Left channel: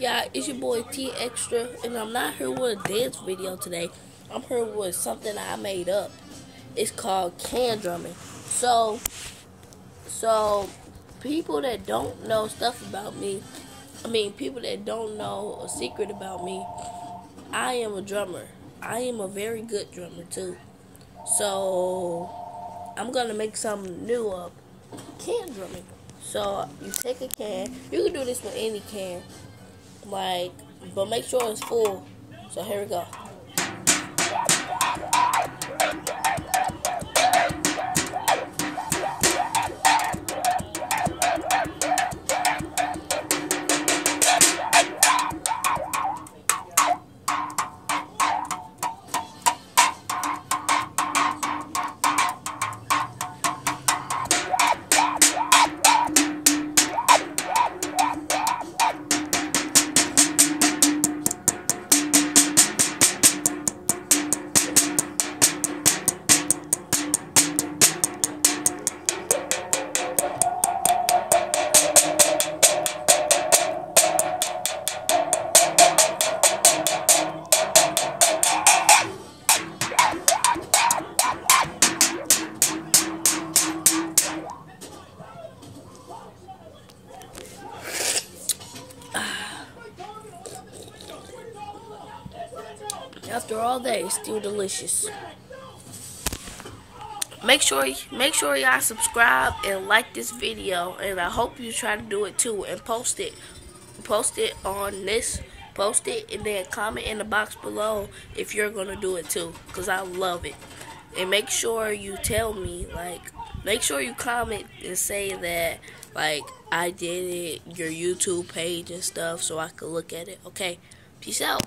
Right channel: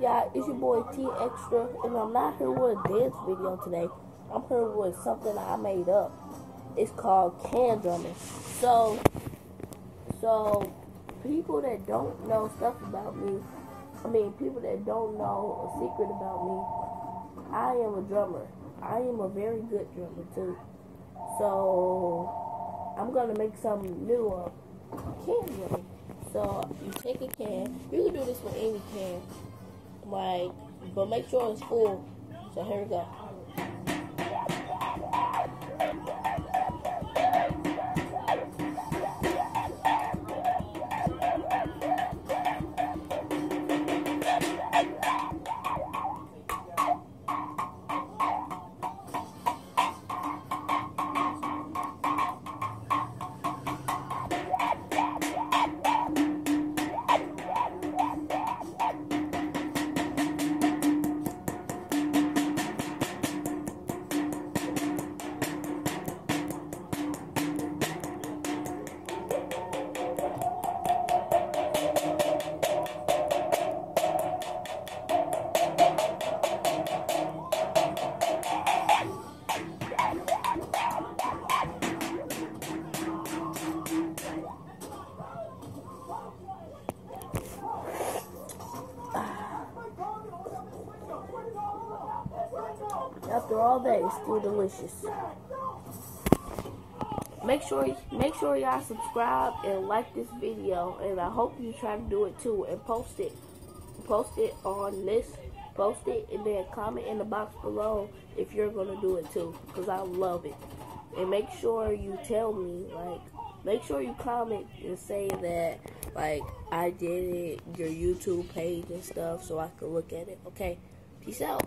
Yeah, it's your boy T Extra, and I'm not here with a dance video today. I'm here with something I made up. It's called can drumming. So people that don't know stuff about me, people that don't know a secret about me, I am a drummer. I am a very good drummer too. So I'm gonna make something new up, can drumming. So you take a can. You can do this with any can, but make sure it's full. So here we go. After all that, it's still delicious. Make sure y'all subscribe and like this video, and I hope you try to do it too and post it on this, post it, and then comment in the box below if you're gonna do it too, because I love it. And make sure you tell me, make sure you comment and say that I did it, your YouTube page and stuff, so I could look at it. Okay, peace out.